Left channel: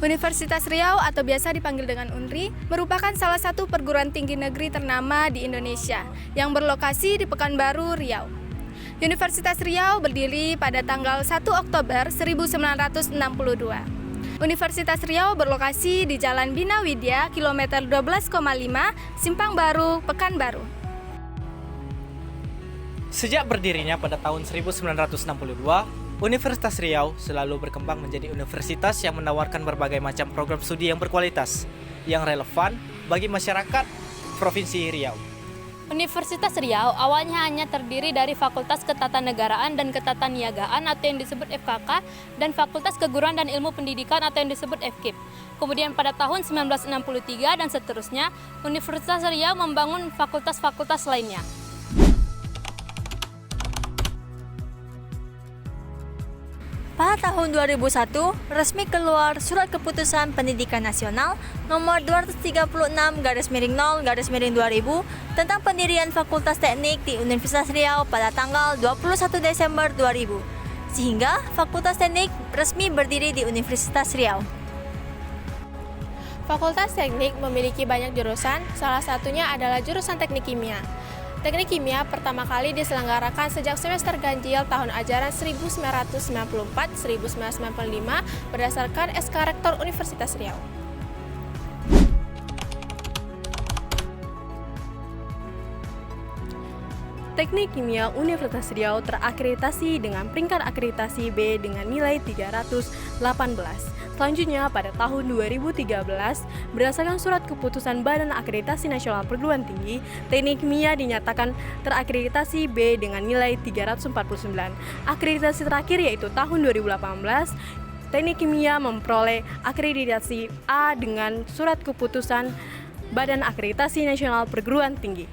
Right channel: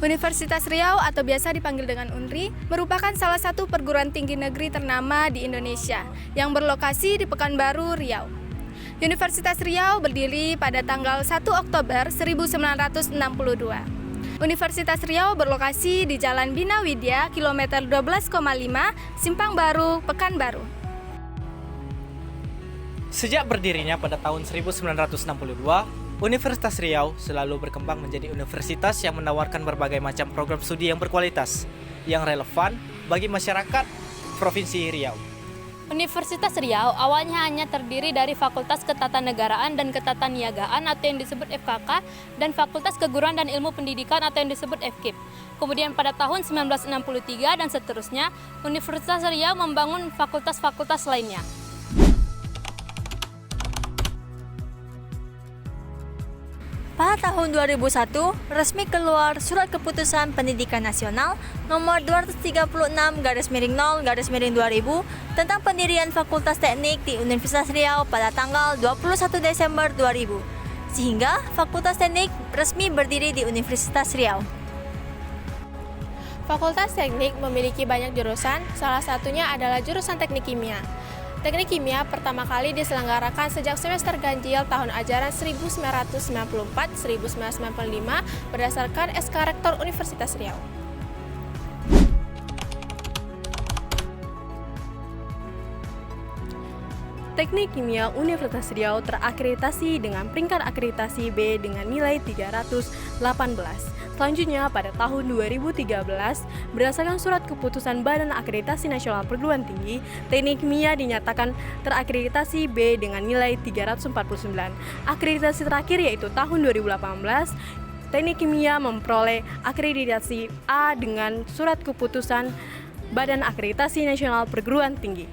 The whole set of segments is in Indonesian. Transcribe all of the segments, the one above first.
Universitas Riau atau biasa dipanggil dengan UNRI merupakan salah satu perguruan tinggi negeri ternama di Indonesia yang berlokasi di Pekanbaru, Riau. Universitas Riau berdiri pada tanggal 1 Oktober 1962. Universitas Riau berlokasi di Jalan Bina Widya, kilometer 12,5, Simpang Baru, Pekanbaru. Sejak berdirinya pada tahun 1962, Universitas Riau selalu berkembang menjadi universitas yang menawarkan berbagai macam program studi yang berkualitas, yang relevan bagi masyarakat Provinsi Riau. Universitas Riau awalnya hanya terdiri dari Fakultas Ketatanegaraan dan Ketataniagaan atau yang disebut FKK dan Fakultas Keguruan dan Ilmu Pendidikan atau yang disebut FKIP. Kemudian pada tahun 1963 dan seterusnya, Universitas Riau membangun fakultas-fakultas lainnya. Pada tahun 2001, resmi keluar Surat Keputusan Pendidikan Nasional nomor 236/0/2000 tentang pendirian Fakultas Teknik di Universitas Riau pada tanggal 21 Desember 2000. Sehingga Fakultas Teknik resmi berdiri di Universitas Riau. Fakultas Teknik memiliki banyak jurusan, salah satunya adalah jurusan Teknik Kimia. Teknik Kimia pertama kali diselenggarakan sejak semester ganjil tahun ajaran 1994-1995 berdasarkan SK Rektor Universitas Riau. Teknik Kimia Universitas Riau terakreditasi dengan peringkat akreditasi B dengan nilai 318. Selanjutnya, pada tahun 2013, berdasarkan surat keputusan Badan Akreditasi Nasional Perguruan Tinggi, Teknik Kimia dinyatakan terakreditasi B dengan nilai 349. Akreditasi terakhir yaitu tahun 2018, Teknik Kimia memperoleh akreditasi A dengan surat keputusan Badan Akreditasi Nasional Perguruan Tinggi.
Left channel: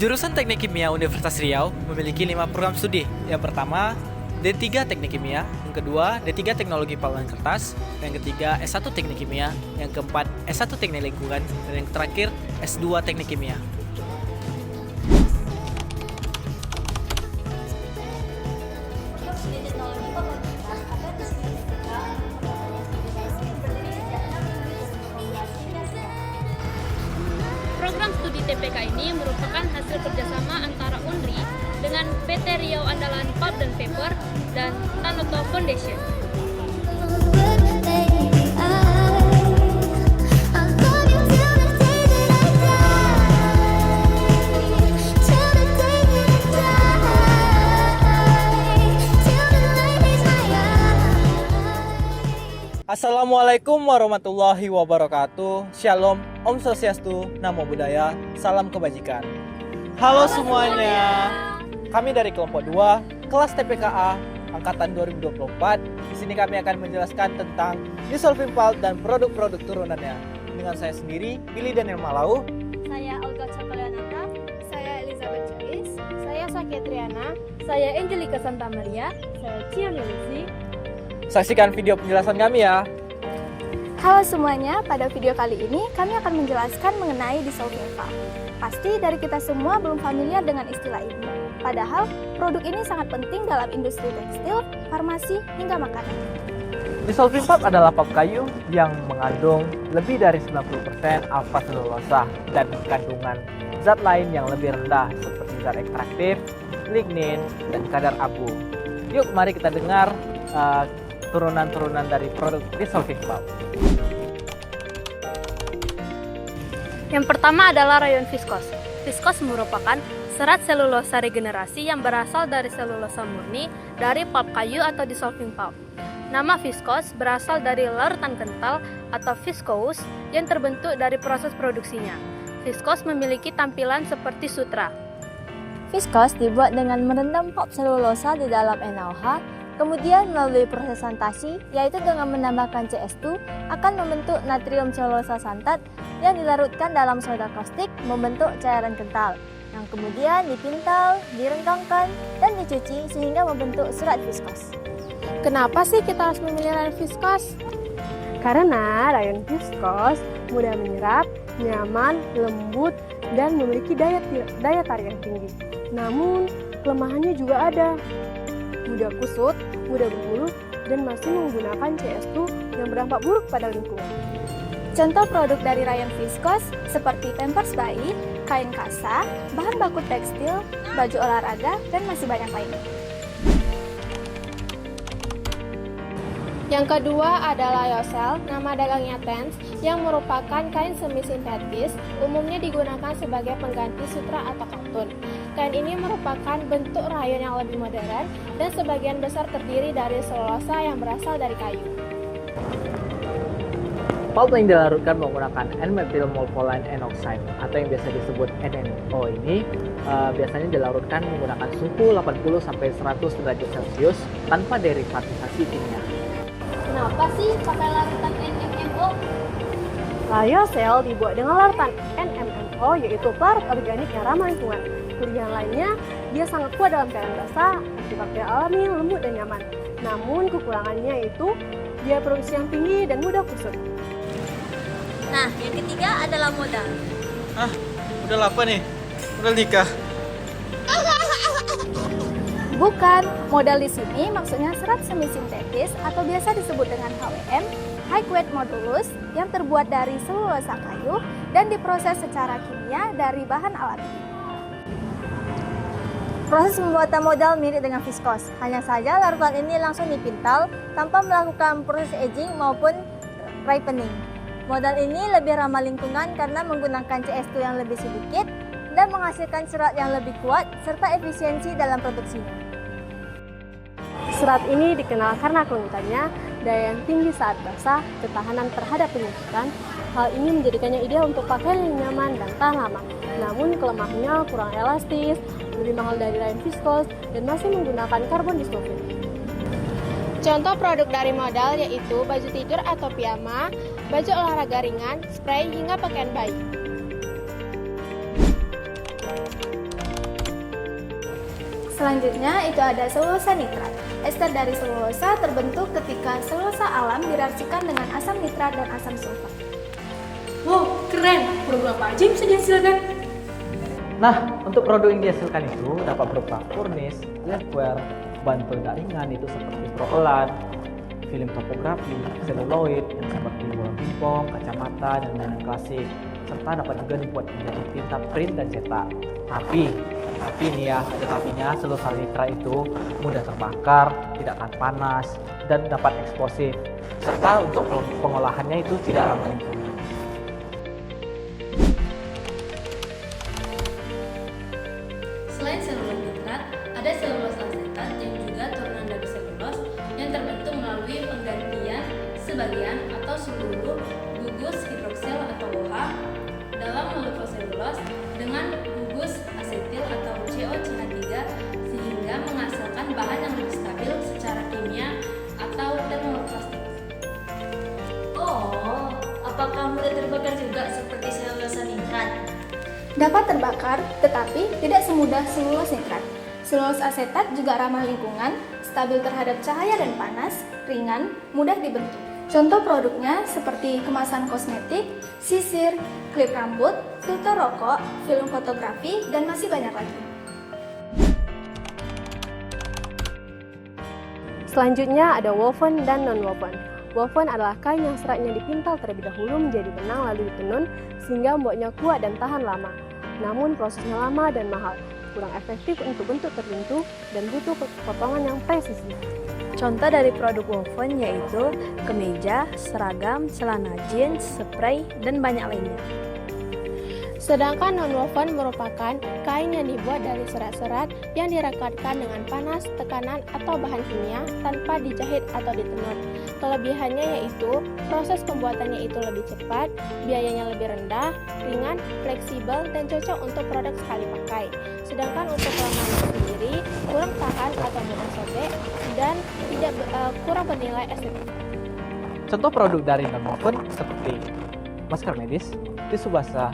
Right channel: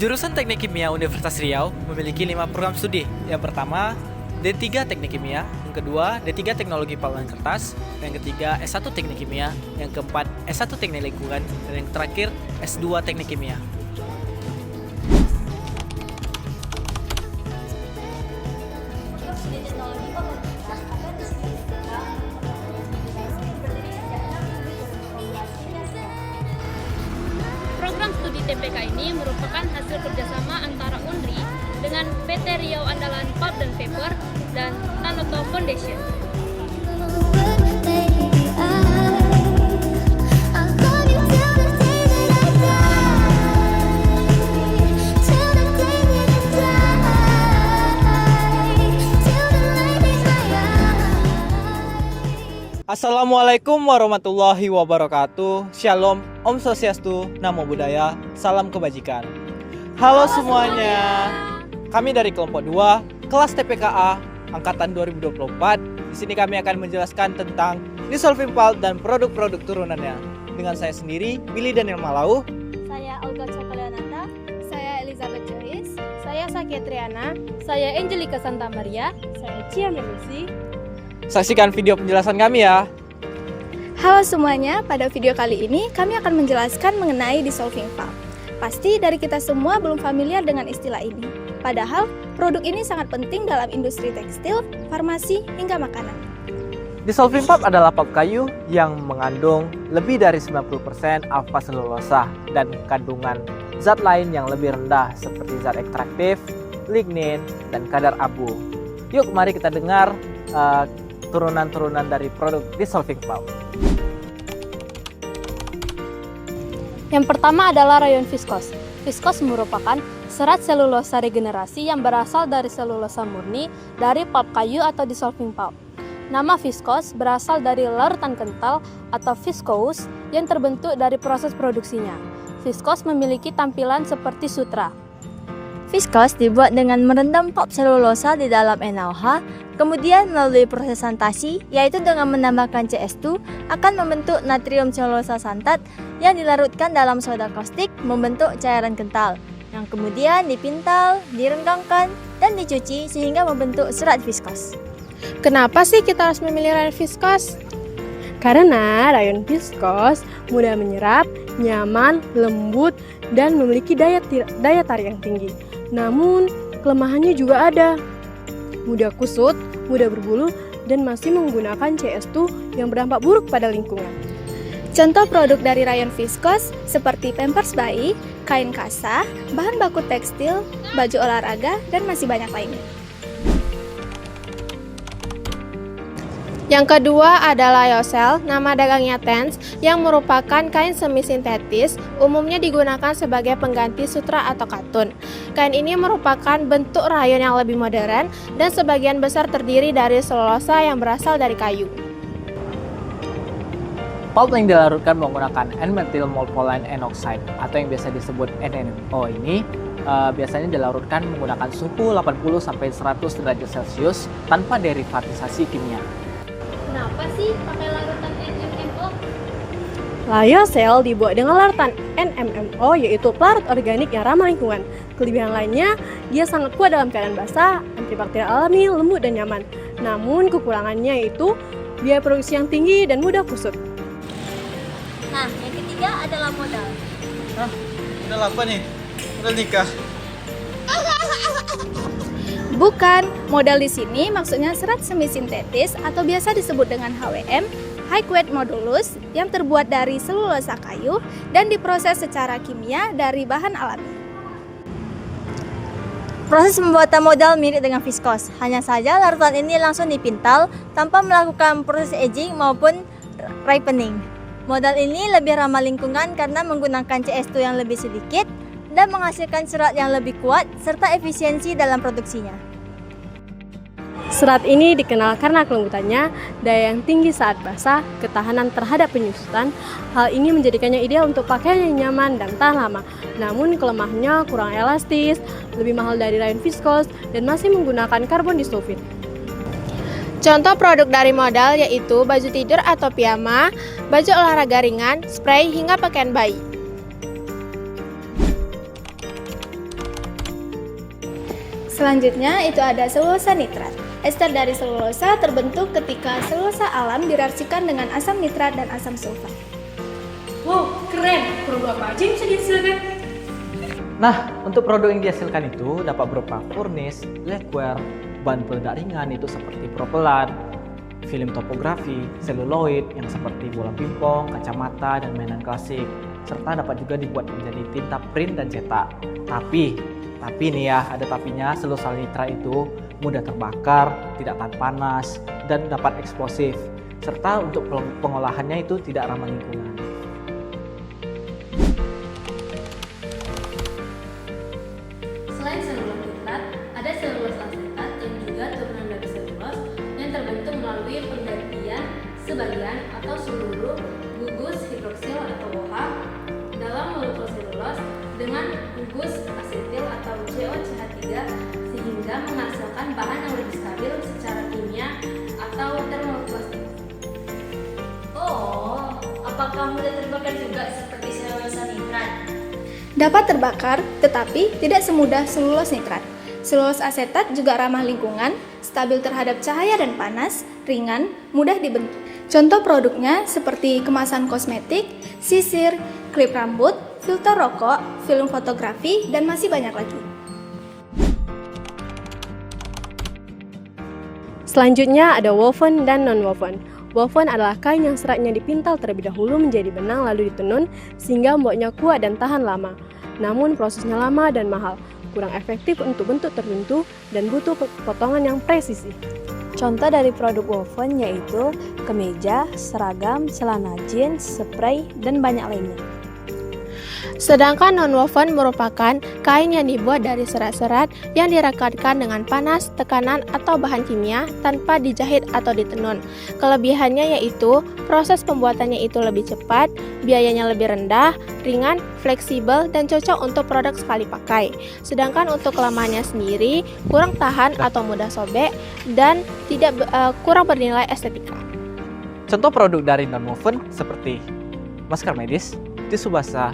Jurusan Teknik Kimia Universitas Riau memiliki 5 program studi. Yang pertama, D3 Teknik Kimia, yang kedua D3 Teknologi Paluan Kertas, yang ketiga S1 Teknik Kimia, yang keempat S1 Teknik Lingkungan, dan yang terakhir S2 Teknik Kimia. Program studi TPK ini merupakan hasil kerjasama antara UNRI dengan PT Riau Andalan Pulp dan Paper dan Tanoto Foundation. Assalamualaikum warahmatullahi wabarakatuh. Shalom, Om Swastiastu, Namo Buddhaya, Salam Kebajikan. Halo semuanya. Kami dari kelompok 2, kelas TPKA angkatan 2024. Di sini kami akan menjelaskan tentang dissolving pulp dan produk-produk turunannya. Dengan saya sendiri, Billy Daniel Malau. Saya Olga Cokoleonata. Saya Elizabeth Joyce. Saya Sakia Triana. Saya Angelika Santa Maria. Saya Cia Melusi. Saksikan video penjelasan kami ya. Halo semuanya, pada video kali ini kami akan menjelaskan mengenai dissolving pulp. Pasti dari kita semua belum familiar dengan istilah ini. Padahal, produk ini sangat penting dalam industri tekstil, farmasi, hingga makanan. Dissolving pulp adalah pulp kayu yang mengandung lebih dari 90% alfa selulosa dan kandungan zat lain yang lebih rendah seperti zat ekstraktif, lignin, dan kadar abu. Yuk mari kita dengar turunan-turunan dari produk dissolving pulp. Yang pertama adalah rayon viskos. Viskos merupakan serat selulosa regenerasi yang berasal dari selulosa murni dari pulp kayu atau dissolving pulp. Nama viskos berasal dari larutan kental atau viscose yang terbentuk dari proses produksinya. Viskos memiliki tampilan seperti sutra. Viskos dibuat dengan merendam pulp selulosa di dalam NaOH, kemudian melalui proses santasi, yaitu dengan menambahkan CS2, akan membentuk natrium selulosa santat yang dilarutkan dalam soda kaustik membentuk cairan kental, yang kemudian dipintal, direnggangkan, dan dicuci sehingga membentuk serat viskos. Kenapa sih kita harus memilih rayon viskos? Karena rayon viskos mudah menyerap, nyaman, lembut, dan memiliki daya tarik yang tinggi. Namun, kelemahannya juga ada. Mudah kusut, mudah berbulu, dan masih menggunakan CS2 yang berdampak buruk pada lingkungan. Contoh produk dari rayon viskos seperti pampers bayi, kain kasa, bahan baku tekstil, baju olahraga, dan masih banyak lainnya. Yang kedua adalah lyocell, nama dagangnya TENS, yang merupakan kain semi-sintetis, umumnya digunakan sebagai pengganti sutra atau katun. Kain ini merupakan bentuk rayon yang lebih modern dan sebagian besar terdiri dari selulosa yang berasal dari kayu. Pulp yang dilarutkan menggunakan N-methyl morpholine N-oxide atau yang biasa disebut NMO ini biasanya dilarutkan menggunakan suhu 80-100 derajat Celcius tanpa derivatisasi kimia. Kenapa sih pakai larutan NMMO? Lyocell dibuat dengan larutan NMMO, yaitu pelarut organik yang ramah lingkungan. Kelebihan lainnya, dia sangat kuat dalam keadaan basah, antibakterial alami, lembut dan nyaman. Namun kekurangannya yaitu biaya produksi yang tinggi dan mudah kusut. Nah, yang ketiga adalah modal. Udah apa nih? Udah nikah. Bukan, modal di sini maksudnya serat semi-sintetis atau biasa disebut dengan HWM, high weight modulus, yang terbuat dari selulosa kayu dan diproses secara kimia dari bahan alami. Proses pembuatan modal mirip dengan viskos, hanya saja larutan ini langsung dipintal tanpa melakukan proses aging maupun ripening. Modal ini lebih ramah lingkungan karena menggunakan CS2 yang lebih sedikit dan menghasilkan serat yang lebih kuat serta efisiensi dalam produksinya. Serat ini dikenal karena kelembutannya, daya yang tinggi saat basah, ketahanan terhadap penyusutan. Hal ini menjadikannya ideal untuk pakaian yang nyaman dan tahan lama. Namun kelemahannya kurang elastis, lebih mahal dari rayon viskos, dan masih menggunakan karbon disulfid. Contoh produk dari modal yaitu baju tidur atau piyama, baju olahraga ringan, spray, hingga pakaian bayi. Selanjutnya itu ada selulosa nitrat. Ester dari selulosa terbentuk ketika selulosa alam direaksikan dengan asam nitrat dan asam sulfat. Wow, keren! Produk apa aja bisa dihasilkan? Nah, untuk produk yang dihasilkan itu dapat berupa furnace, labware, bahan peledak ringan itu seperti propelan, film topografi, seluloid yang seperti bola pingpong, kacamata, dan mainan klasik, serta dapat juga dibuat menjadi tinta print dan cetak. Tapi nih ya, ada tapinya, selulosa nitrat itu mudah terbakar, tidak tahan panas, dan dapat eksplosif, serta untuk pengolahannya itu tidak ramah lingkungan. Selain selulosa nitrat, ada selulosa asetat yang juga turunan dari selulos yang terbentuk melalui penggantian sebagian atau seluruh gugus hidroksil atau OH dalam molekul selulos dengan gugus asetil atau COCH3 sehingga menghasilkan bahan yang lebih stabil secara kimia atau termoplastik. Oh, apakah mudah terbakar juga seperti selulosa nitrat? Dapat terbakar, tetapi tidak semudah selulose nitrat. Selulose asetat juga ramah lingkungan, stabil terhadap cahaya dan panas, ringan, mudah dibentuk. Contoh produknya seperti kemasan kosmetik, sisir, klip rambut, filter rokok, film fotografi, dan masih banyak lagi. Selanjutnya ada woven dan non-woven. Woven adalah kain yang seratnya dipintal terlebih dahulu menjadi benang lalu ditenun sehingga membuatnya kuat dan tahan lama. Namun prosesnya lama dan mahal, kurang efektif untuk bentuk tertentu dan butuh potongan yang presisi. Contoh dari produk woven yaitu kemeja, seragam, celana jeans, spray, dan banyak lainnya. Sedangkan non-woven merupakan kain yang dibuat dari serat-serat yang direkatkan dengan panas, tekanan, atau bahan kimia tanpa dijahit atau ditenun. Kelebihannya yaitu proses pembuatannya itu lebih cepat, biayanya lebih rendah, ringan, fleksibel, dan cocok untuk produk sekali pakai. Sedangkan untuk kelemahannya sendiri kurang tahan atau mudah sobek dan kurang bernilai estetika. Contoh produk dari non-woven seperti masker medis, tisu basah,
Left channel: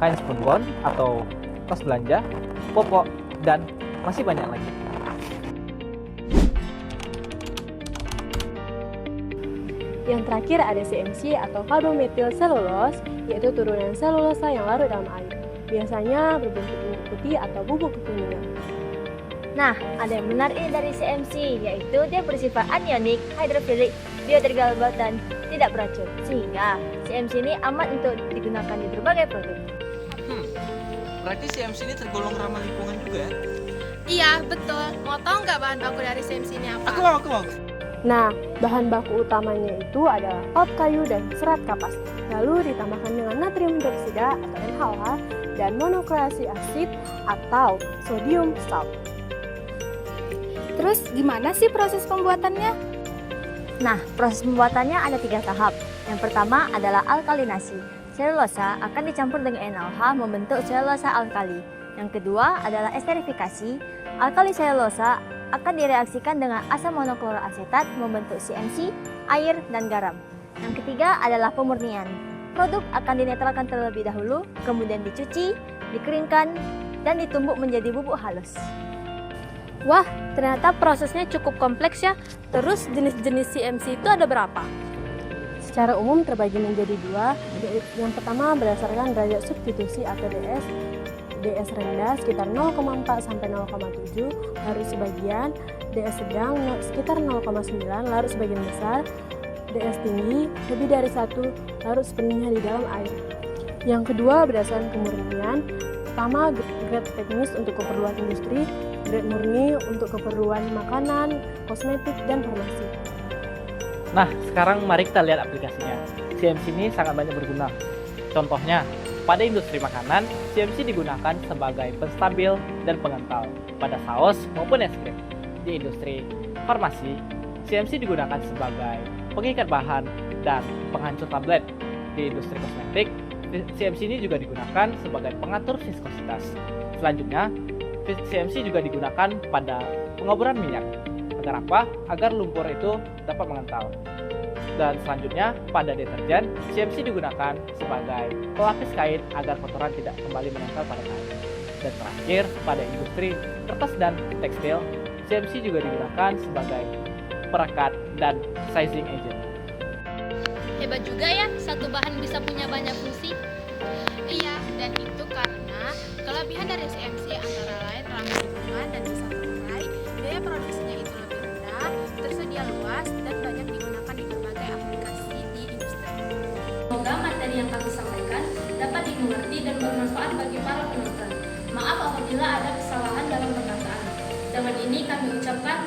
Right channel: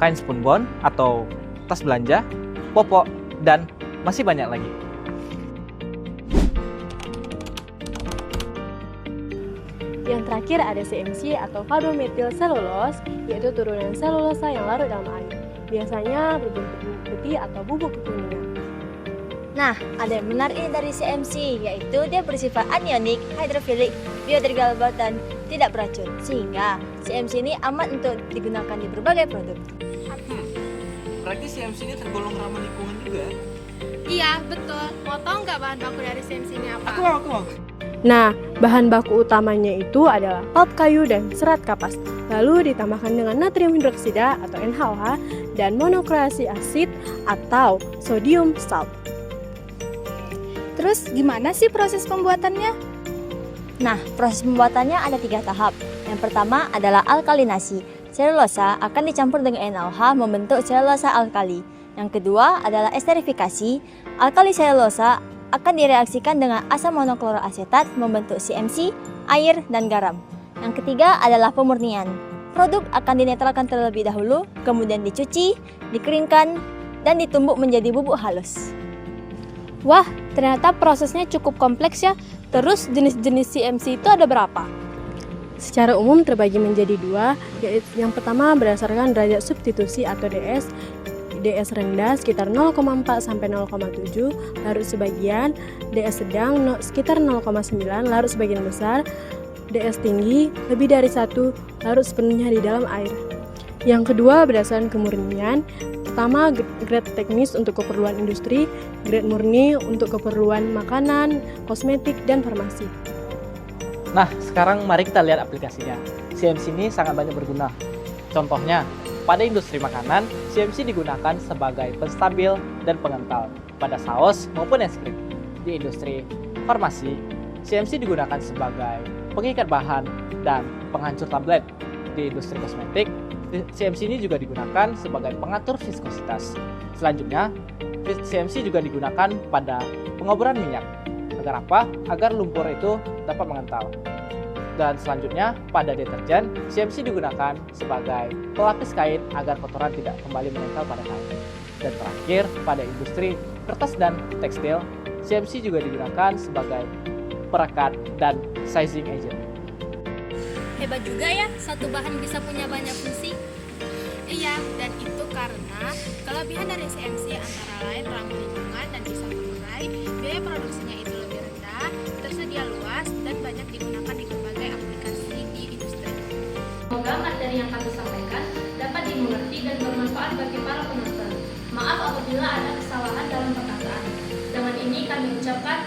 kain spunbond atau tas belanja, popok, dan masih banyak lagi. Yang terakhir ada CMC atau carbomethyl cellulose, yaitu turunan selulosa yang larut dalam air. Biasanya berbentuk putih atau bubuk kekuningan. Nah, ada yang menarik dari CMC, yaitu dia bersifat anionik, hidrofilik, biodegradabil, dan tidak beracun. Sehingga CMC ini aman untuk digunakan di berbagai produk. Berarti CMC ini tergolong ramah lingkungan juga ya? Iya, betul. Mau tahu nggak bahan baku dari CMC ini apa? Aku mau. Nah, bahan baku utamanya itu adalah pulp kayu dan serat kapas. Lalu ditambahkan dengan natrium hidroksida atau NaOH dan monoklorid asid atau sodium salt. Terus gimana sih proses pembuatannya? Nah, proses pembuatannya ada 3 tahap. Yang pertama adalah alkalinasi. Selulosa akan dicampur dengan NaOH membentuk selulosa alkali. Yang kedua adalah esterifikasi. Alkali selulosa akan direaksikan dengan asam monokloroasetat membentuk CMC, air, dan garam. Yang ketiga adalah pemurnian. Produk akan dinetralkan terlebih dahulu, kemudian dicuci, dikeringkan, dan ditumbuk menjadi bubuk halus. Wah, ternyata prosesnya cukup kompleks ya. Terus jenis-jenis CMC itu ada berapa? Secara umum terbagi menjadi 2, yaitu yang pertama berdasarkan derajat substitusi atau DS. DS rendah sekitar 0,4 sampai 0,7, larut sebagian, DS sedang sekitar 0,9, larut sebagian besar, DS tinggi lebih dari 1, larut sepenuhnya di dalam air. Yang kedua berdasarkan kemurnian. Pertama, grade teknis untuk keperluan industri, grade murni untuk keperluan makanan, kosmetik, dan farmasi. Nah, sekarang mari kita lihat aplikasinya. CMC ini sangat banyak berguna. Contohnya, pada industri makanan, CMC digunakan sebagai penstabil dan pengental pada saus maupun es krim. Di industri farmasi, CMC digunakan sebagai pengikat bahan dan penghancur tablet. Di industri kosmetik, CMC ini juga digunakan sebagai pengatur viskositas. Selanjutnya, CMC juga digunakan pada pengoboran minyak. Agar apa? Agar lumpur itu dapat mengental. Dan selanjutnya, pada deterjen, CMC digunakan sebagai pelapis kain agar kotoran tidak kembali menempel pada kain. Dan terakhir, pada industri kertas dan tekstil, CMC juga digunakan sebagai perekat dan sizing agent. Hebat juga ya, satu bahan bisa punya banyak fungsi. Iya, dan itu karena kelebihan dari CMC antara lain ramah lingkungan dan bisa terurai, biaya produksinya itu lebih rendah, tersedia luas, dan banyak digunakan di berbagai aplikasi di industri. Semoga materi yang kami sampaikan dapat dimengerti dan bermanfaat bagi para penonton. Maaf apabila ada kesalahan dalam perkataan. Dengan ini kami ucapkan